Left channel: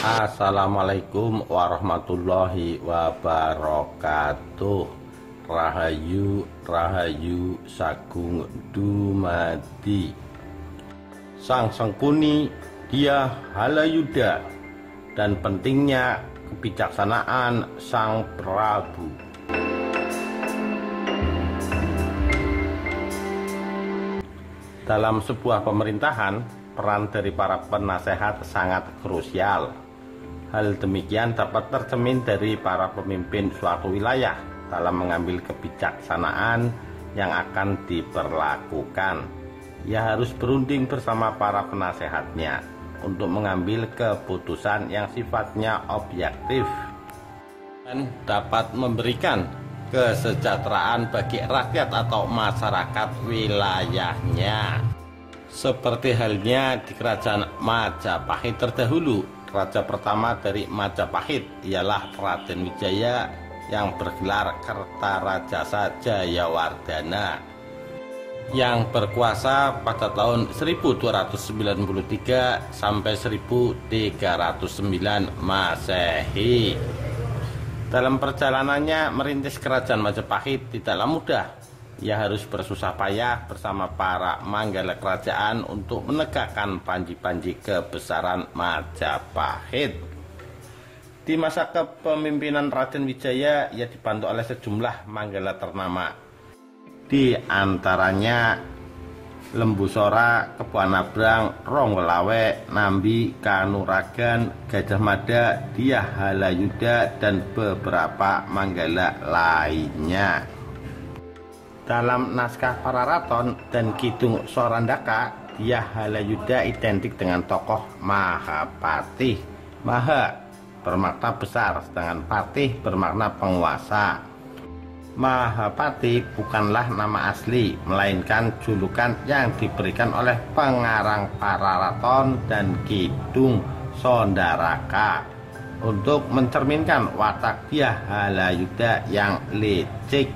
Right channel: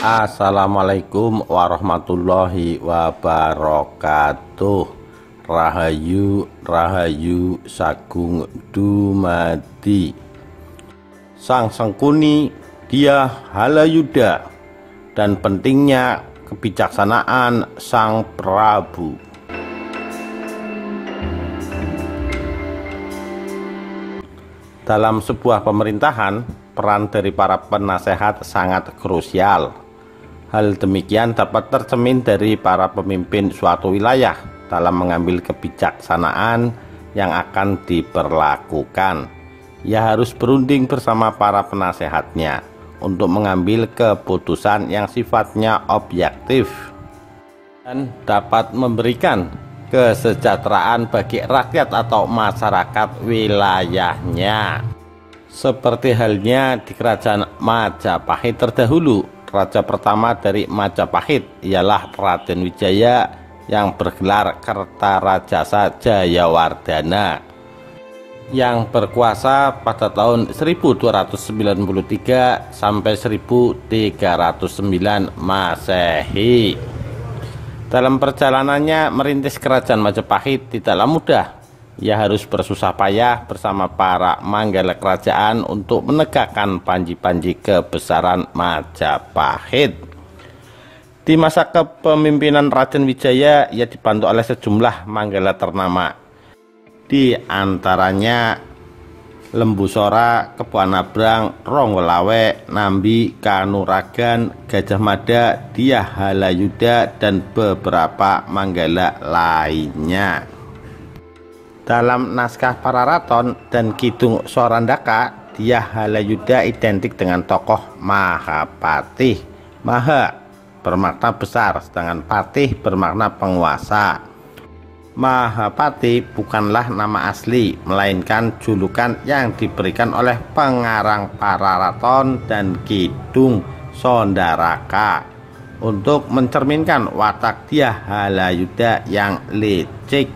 Assalamualaikum warahmatullahi wabarakatuh. Rahayu Rahayu Sagung dumadi Sang Sengkuni dia Halayuda dan pentingnya kebijaksanaan Sang Prabu. Dalam sebuah pemerintahan, peran dari para penasehat sangat krusial. Hal demikian dapat tercermin dari para pemimpin suatu wilayah dalam mengambil kebijaksanaan yang akan diberlakukan. Ia harus berunding bersama para penasehatnya untuk mengambil keputusan yang sifatnya objektif dan dapat memberikan kesejahteraan bagi rakyat atau masyarakat wilayahnya. Seperti halnya di kerajaan Majapahit terdahulu, raja pertama dari Majapahit ialah Raden Wijaya yang bergelar Kertarajasa Jayawardhana yang berkuasa pada tahun 1293 sampai 1309 Masehi. Dalam perjalanannya merintis kerajaan Majapahit tidaklah mudah. Ia harus bersusah payah bersama para manggala kerajaan untuk menegakkan panji-panji kebesaran Majapahit. Di masa kepemimpinan Raden Wijaya, ia dibantu oleh sejumlah manggala ternama. Di antaranya Lembu Sora, Kebo Anabrang, Ronggolawe, Nambi, Kanuragan, Gajah Mada, Dyah Halayuda, dan beberapa manggala lainnya. Dalam naskah Pararaton dan Kidung Sorandaka, Dyah Halayuda identik dengan tokoh Mahapatih. Maha bermakna besar, sedangkan Patih bermakna penguasa. Mahapatih bukanlah nama asli, melainkan julukan yang diberikan oleh pengarang Pararaton dan Kidung Sondaraka untuk mencerminkan watak Dyah Halayuda yang licik.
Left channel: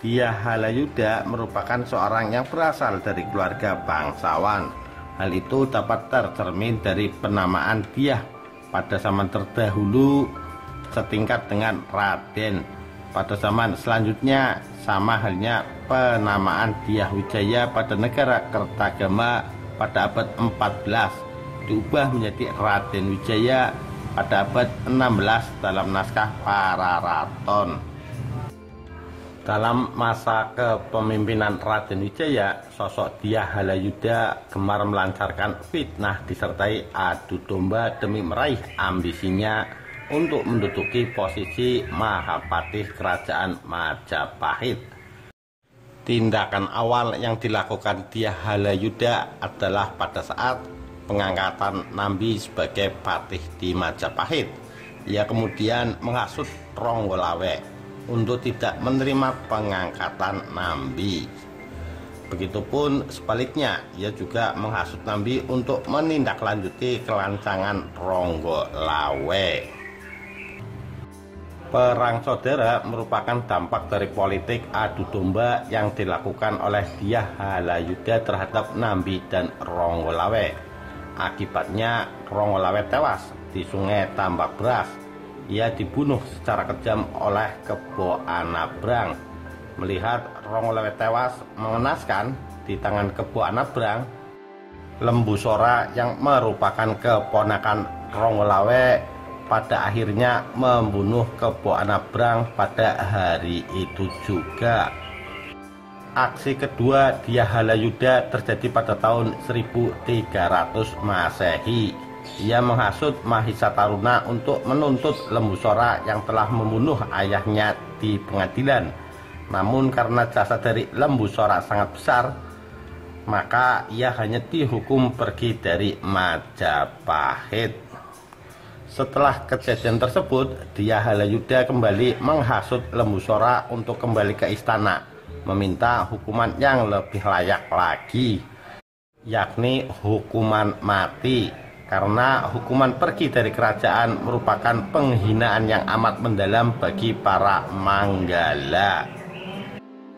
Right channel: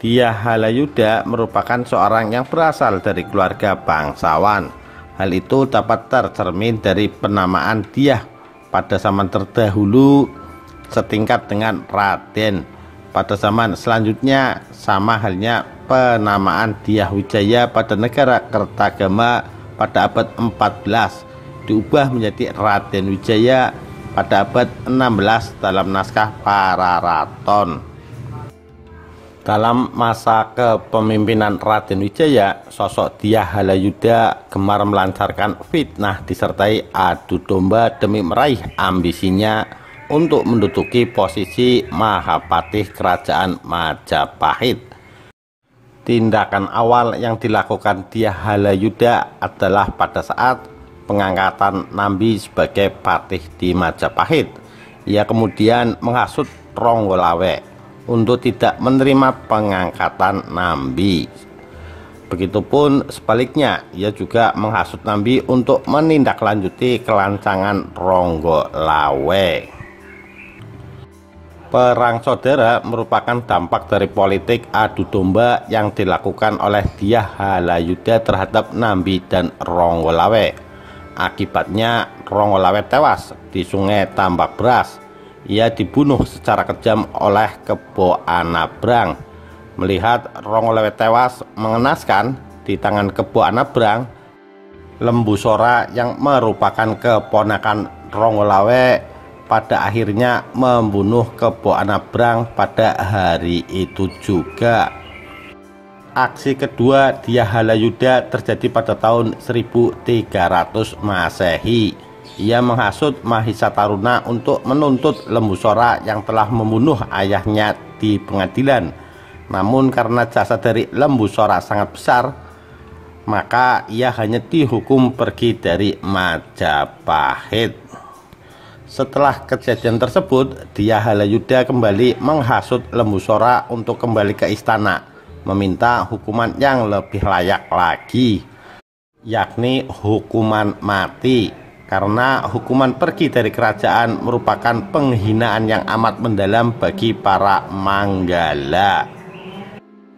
Dyah Halayuda merupakan seorang yang berasal dari keluarga bangsawan. Hal itu dapat tercermin dari penamaan Dyah pada zaman terdahulu setingkat dengan Raden. Pada zaman selanjutnya sama halnya penamaan Dyah Wijaya pada negara Kertagama pada abad 14 diubah menjadi Raden Wijaya pada abad 16 dalam naskah Pararaton. Dalam masa kepemimpinan Raden Wijaya, sosok Dyah Halayuda gemar melancarkan fitnah disertai adu domba demi meraih ambisinya untuk menduduki posisi Mahapatih Kerajaan Majapahit. Tindakan awal yang dilakukan Dyah Halayuda adalah pada saat pengangkatan Nambi sebagai patih di Majapahit. Ia kemudian menghasut Ronggolawe untuk tidak menerima pengangkatan Nambi. Begitupun sebaliknya, ia juga menghasut Nambi untuk menindaklanjuti kelancangan Ronggolawe. Perang saudara merupakan dampak dari politik adu domba yang dilakukan oleh Dyah Halayuda terhadap Nambi dan Ronggolawe. Akibatnya Ronggolawe tewas di Sungai Tambak Beras. Ia dibunuh secara kejam oleh Kebo Anabrang. Melihat Ronggolawe tewas mengenaskan di tangan Kebo Anabrang, Lembu Sora yang merupakan keponakan Ronggolawe pada akhirnya membunuh Kebo Anabrang pada hari itu juga. Aksi kedua Dyah Halayuda terjadi pada tahun 1300 Masehi. Ia menghasut Mahisa Taruna untuk menuntut Lembu Sora yang telah membunuh ayahnya di pengadilan. Namun karena jasa dari Lembu Sora sangat besar, maka ia hanya dihukum pergi dari Majapahit. Setelah kejadian tersebut, Dyah Halayuda kembali menghasut Lembu Sora untuk kembali ke istana, meminta hukuman yang lebih layak lagi, yakni hukuman mati. Karena hukuman pergi dari kerajaan merupakan penghinaan yang amat mendalam bagi para manggala.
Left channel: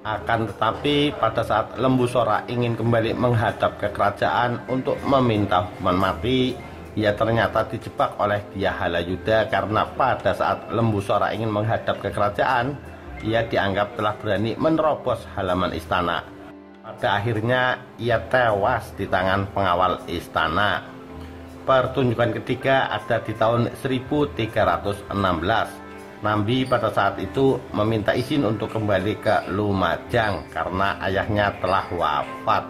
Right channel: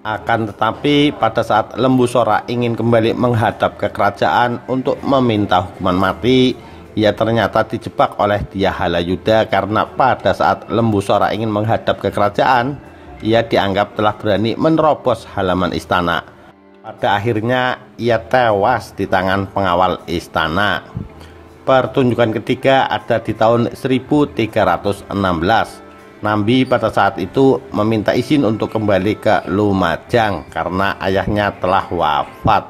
Akan tetapi pada saat Lembu Sora ingin kembali menghadap ke kerajaan untuk meminta hukuman mati, ia ternyata dijebak oleh Dyah Halayudha karena pada saat Lembusura ingin menghadap ke kerajaan, ia dianggap telah berani menerobos halaman istana. Pada akhirnya ia tewas di tangan pengawal istana. Pertunjukan ketiga ada di tahun 1316. Nambi pada saat itu meminta izin untuk kembali ke Lumajang karena ayahnya telah wafat.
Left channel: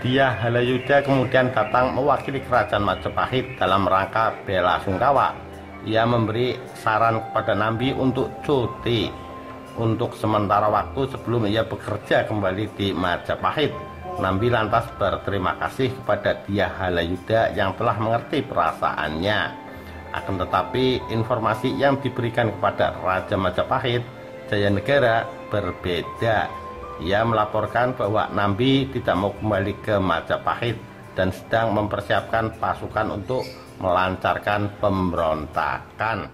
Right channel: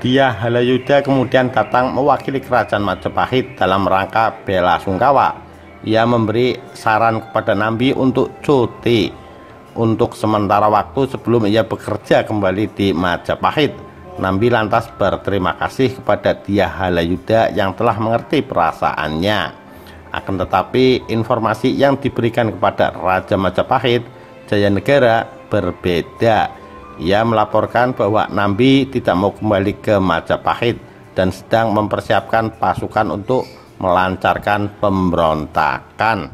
Dyah Halayudha kemudian datang mewakili kerajaan Majapahit dalam rangka bela sungkawa. Ia memberi saran kepada Nambi untuk cuti untuk sementara waktu sebelum ia bekerja kembali di Majapahit. Nambi lantas berterima kasih kepada Dyah Halayudha yang telah mengerti perasaannya. Akan tetapi informasi yang diberikan kepada Raja Majapahit, Jayanegara, berbeda. Ia melaporkan bahwa Nambi tidak mau kembali ke Majapahit dan sedang mempersiapkan pasukan untuk melancarkan pemberontakan.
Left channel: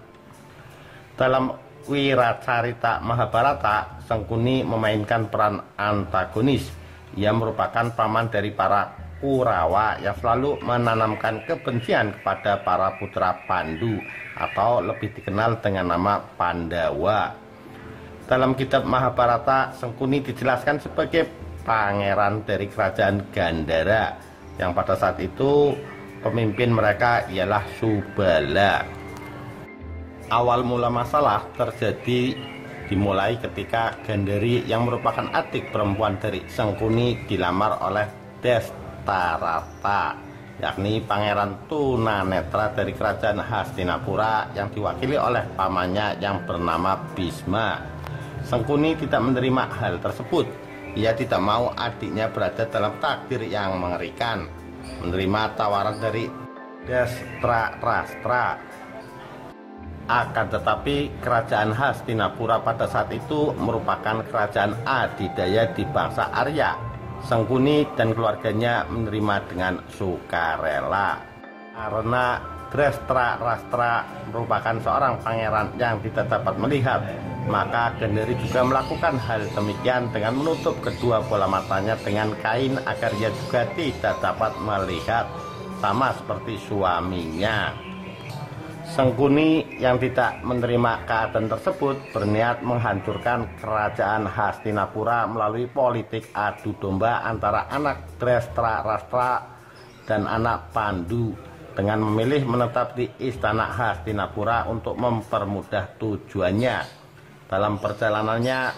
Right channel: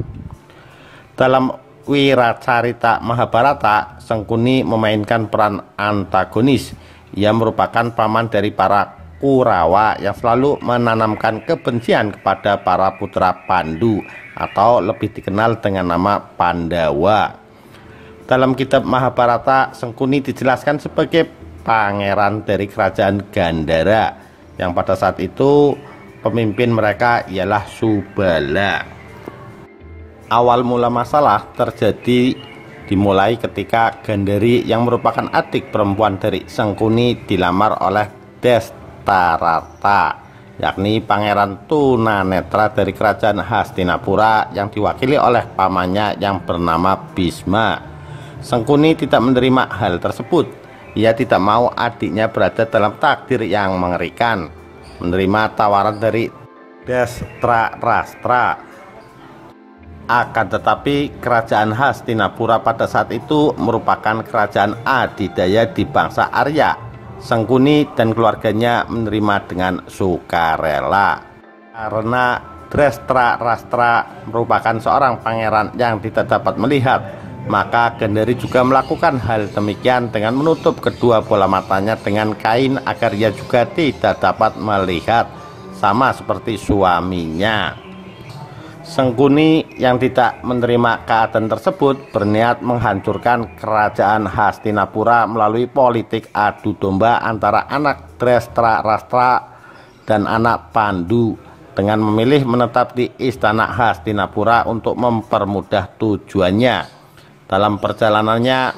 Dalam Wiracarita Mahabharata, Sangkuni memainkan peran antagonis. Ia merupakan paman dari para Kurawa yang selalu menanamkan kebencian kepada para putra Pandu atau lebih dikenal dengan nama Pandawa. Dalam kitab Mahabharata, Sangkuni dijelaskan sebagai pangeran dari kerajaan Gandhara yang pada saat itu pemimpin mereka ialah Subala. Awal mula masalah terjadi dimulai ketika Gandhari yang merupakan adik perempuan dari Sangkuni dilamar oleh Destarata, yakni pangeran tunanetra dari kerajaan Hastinapura yang diwakili oleh pamannya yang bernama Bhisma. Sangkuni tidak menerima hal tersebut. Ia tidak mau adiknya berada dalam takdir yang mengerikan. Menerima tawaran dari Destarastra. Akan tetapi kerajaan Hastinapura pada saat itu merupakan kerajaan adidaya di bangsa Arya. Sangkuni dan keluarganya menerima dengan sukarela. Karena Destarastra merupakan seorang pangeran yang tidak dapat melihat, maka Gandhari juga melakukan hal demikian dengan menutup kedua bola matanya dengan kain agar ia juga tidak dapat melihat, sama seperti suaminya. Sangkuni yang tidak menerima keadaan tersebut berniat menghancurkan kerajaan Hastinapura melalui politik adu domba antara anak Destarastra dan anak Pandu dengan memilih menetap di istana Hastinapura untuk mempermudah tujuannya. Dalam perjalanannya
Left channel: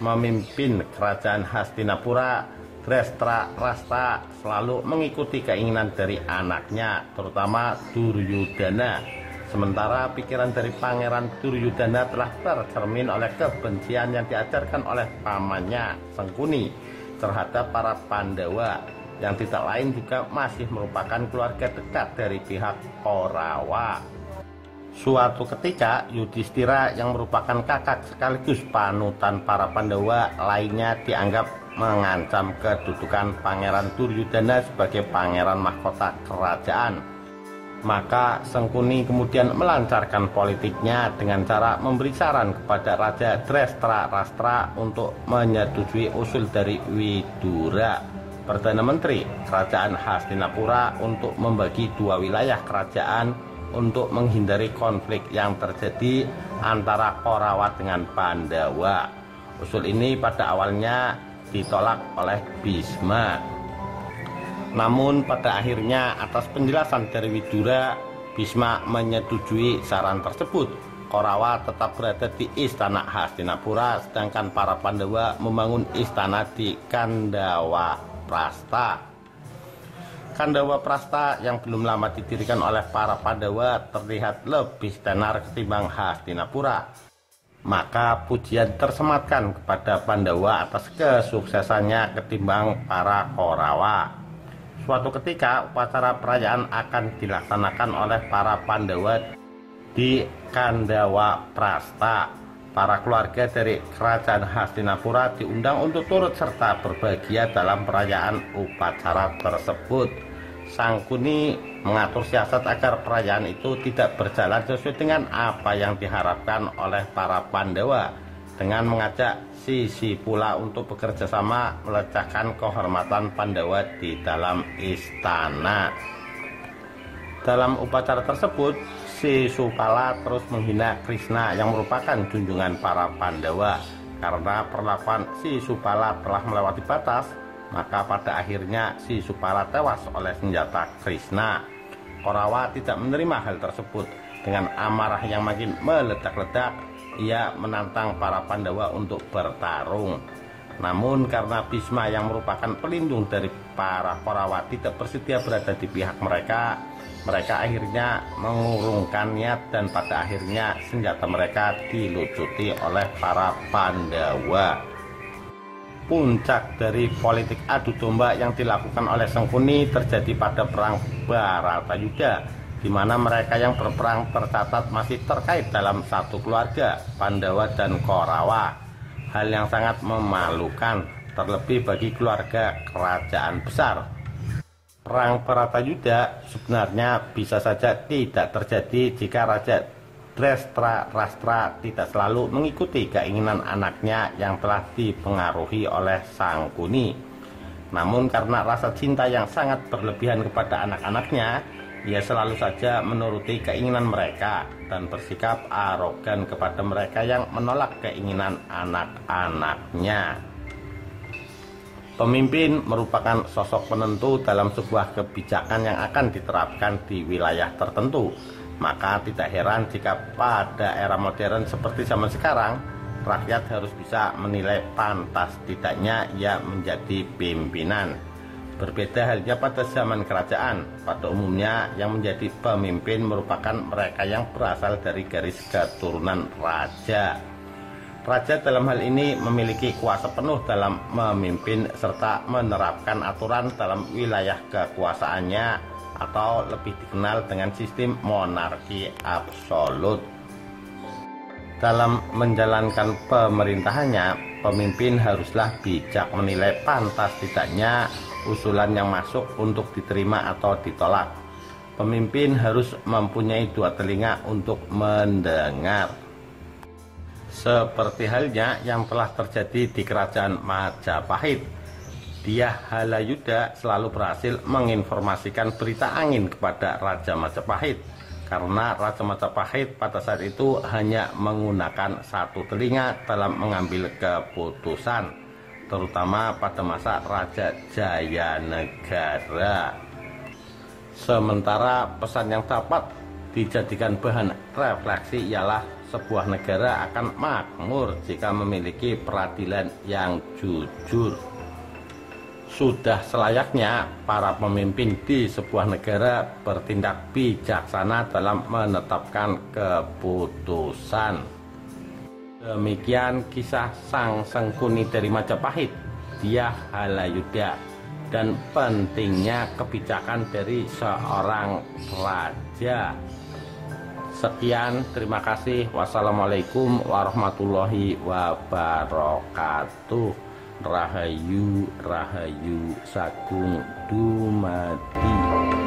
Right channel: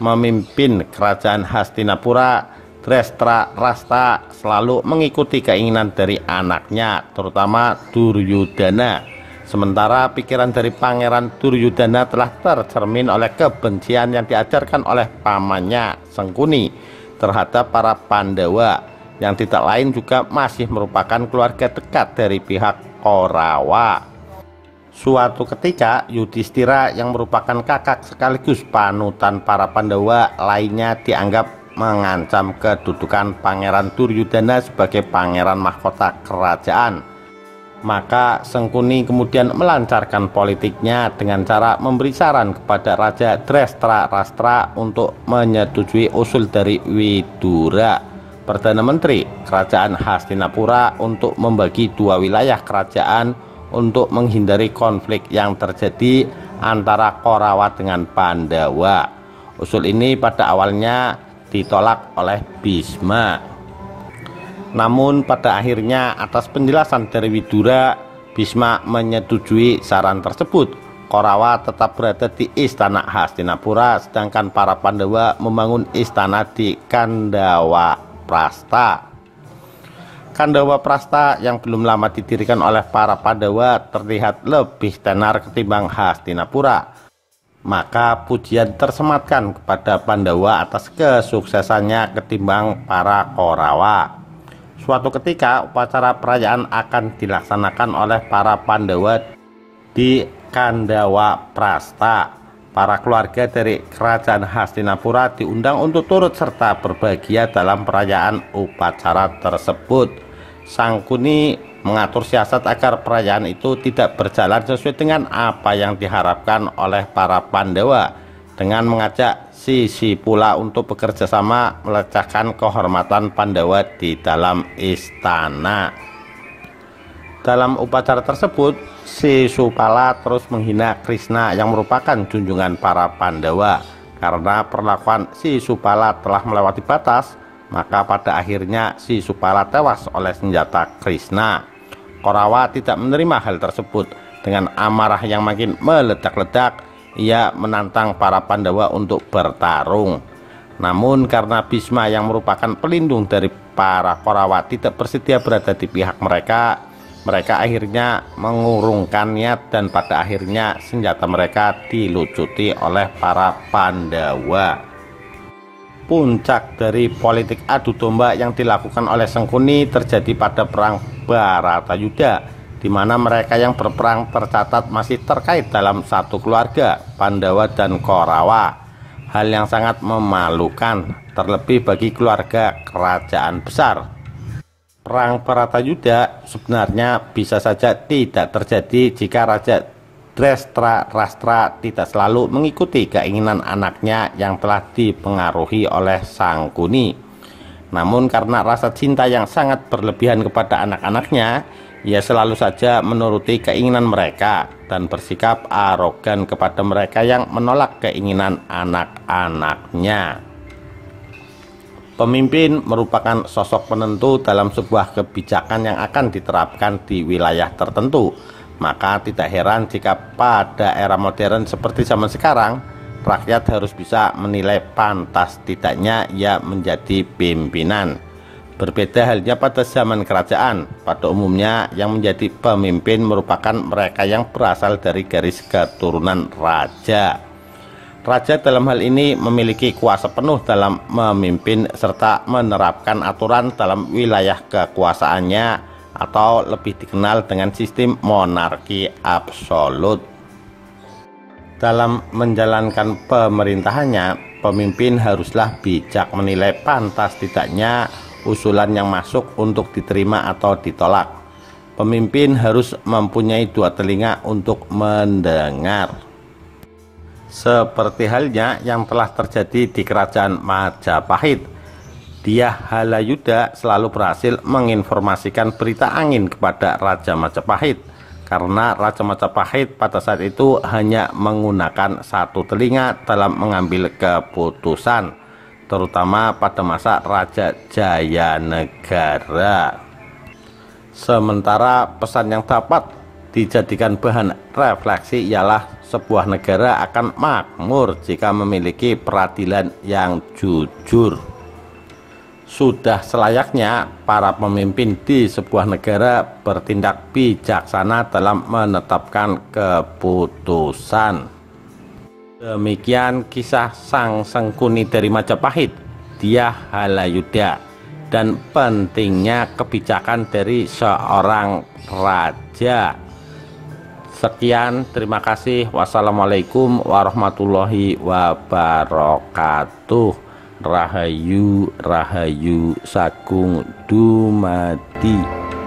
memimpin kerajaan Hastinapura, Destarastra selalu mengikuti keinginan dari anaknya, terutama Duryudana. Sementara pikiran dari Pangeran Duryudana telah tercermin oleh kebencian yang diajarkan oleh pamannya Sangkuni terhadap para Pandawa yang tidak lain juga masih merupakan keluarga dekat dari pihak Korawa. Suatu ketika Yudhistira yang merupakan kakak sekaligus panutan para Pandawa lainnya dianggap mengancam kedudukan Pangeran Duryudana sebagai pangeran mahkota kerajaan. Maka Sangkuni kemudian melancarkan politiknya dengan cara memberi saran kepada Raja Destarastra untuk menyetujui usul dari Widura, Perdana Menteri Kerajaan Hastinapura, untuk membagi dua wilayah kerajaan untuk menghindari konflik yang terjadi antara Korawa dengan Pandawa. Usul ini pada awalnya ditolak oleh Bhisma. Namun pada akhirnya atas penjelasan dari Widura, Bhisma menyetujui saran tersebut. Korawa tetap berada di istana Hastinapura, sedangkan para Pandawa membangun istana di Kandawaprastha. Kandawaprastha yang belum lama didirikan oleh para Pandawa terlihat lebih tenar ketimbang Hastinapura. Maka pujian tersematkan kepada Pandawa atas kesuksesannya ketimbang para Korawa. Suatu ketika upacara perayaan akan dilaksanakan oleh para Pandawa di Kandawaprastha. Para keluarga dari kerajaan Hastinapura diundang untuk turut serta berbahagia dalam perayaan upacara tersebut. Sangkuni mengatur siasat agar perayaan itu tidak berjalan sesuai dengan apa yang diharapkan oleh para Pandawa, dengan mengajak Sisipula untuk bekerja sama melecahkan kehormatan Pandawa di dalam istana. Dalam upacara tersebut, Sisupala terus menghina Krishna yang merupakan junjungan para Pandawa. Karena perlakuan Sisupala telah melewati batas, maka pada akhirnya Sisupala tewas oleh senjata Krishna. Korawa tidak menerima hal tersebut. Dengan amarah yang makin meledak-ledak, ia menantang para Pandawa untuk bertarung. Namun karena Bhisma yang merupakan pelindung dari para Korawa tidak bersedia berada di pihak mereka, mereka akhirnya mengurungkan niat dan pada akhirnya senjata mereka dilucuti oleh para Pandawa. Puncak dari politik adu domba yang dilakukan oleh Sangkuni terjadi pada perang Bharatayuddha, di mana mereka yang berperang tercatat masih terkait dalam satu keluarga, Pandawa dan Korawa. Hal yang sangat memalukan, terlebih bagi keluarga kerajaan besar. Perang Bharatayuddha sebenarnya bisa saja tidak terjadi jika Raja Dreshtarashtra tidak selalu mengikuti keinginan anaknya yang telah dipengaruhi oleh Sangkuni. Namun karena rasa cinta yang sangat berlebihan kepada anak-anaknya, ia selalu saja menuruti keinginan mereka dan bersikap arogan kepada mereka yang menolak keinginan anak-anaknya. Pemimpin merupakan sosok penentu dalam sebuah kebijakan yang akan diterapkan di wilayah tertentu. Maka tidak heran jika pada era modern seperti zaman sekarang, rakyat harus bisa menilai pantas tidaknya ia menjadi pimpinan. Berbeda halnya pada zaman kerajaan, pada umumnya yang menjadi pemimpin merupakan mereka yang berasal dari garis keturunan raja. Raja dalam hal ini memiliki kuasa penuh dalam memimpin serta menerapkan aturan dalam wilayah kekuasaannya, atau lebih dikenal dengan sistem monarki absolut. Dalam menjalankan pemerintahannya, pemimpin haruslah bijak menilai pantas tidaknya usulan yang masuk untuk diterima atau ditolak. Pemimpin harus mempunyai dua telinga untuk mendengar. Seperti halnya yang telah terjadi di kerajaan Majapahit. Dyah Halayudha selalu berhasil menginformasikan berita angin kepada Raja Majapahit, karena Raja Majapahit pada saat itu hanya menggunakan satu telinga dalam mengambil keputusan, terutama pada masa Raja Jayanegara. Sementara pesan yang dapat dijadikan bahan refleksi ialah sebuah negara akan makmur jika memiliki peradilan yang jujur. Sudah selayaknya para pemimpin di sebuah negara bertindak bijaksana dalam menetapkan keputusan. Demikian kisah sang Sangkuni dari Majapahit, Dyah Halayudha, dan pentingnya kebijakan dari seorang raja. Sekian, terima kasih. Wassalamualaikum warahmatullahi wabarakatuh. Rahayu Rahayu Sagung Dumadi.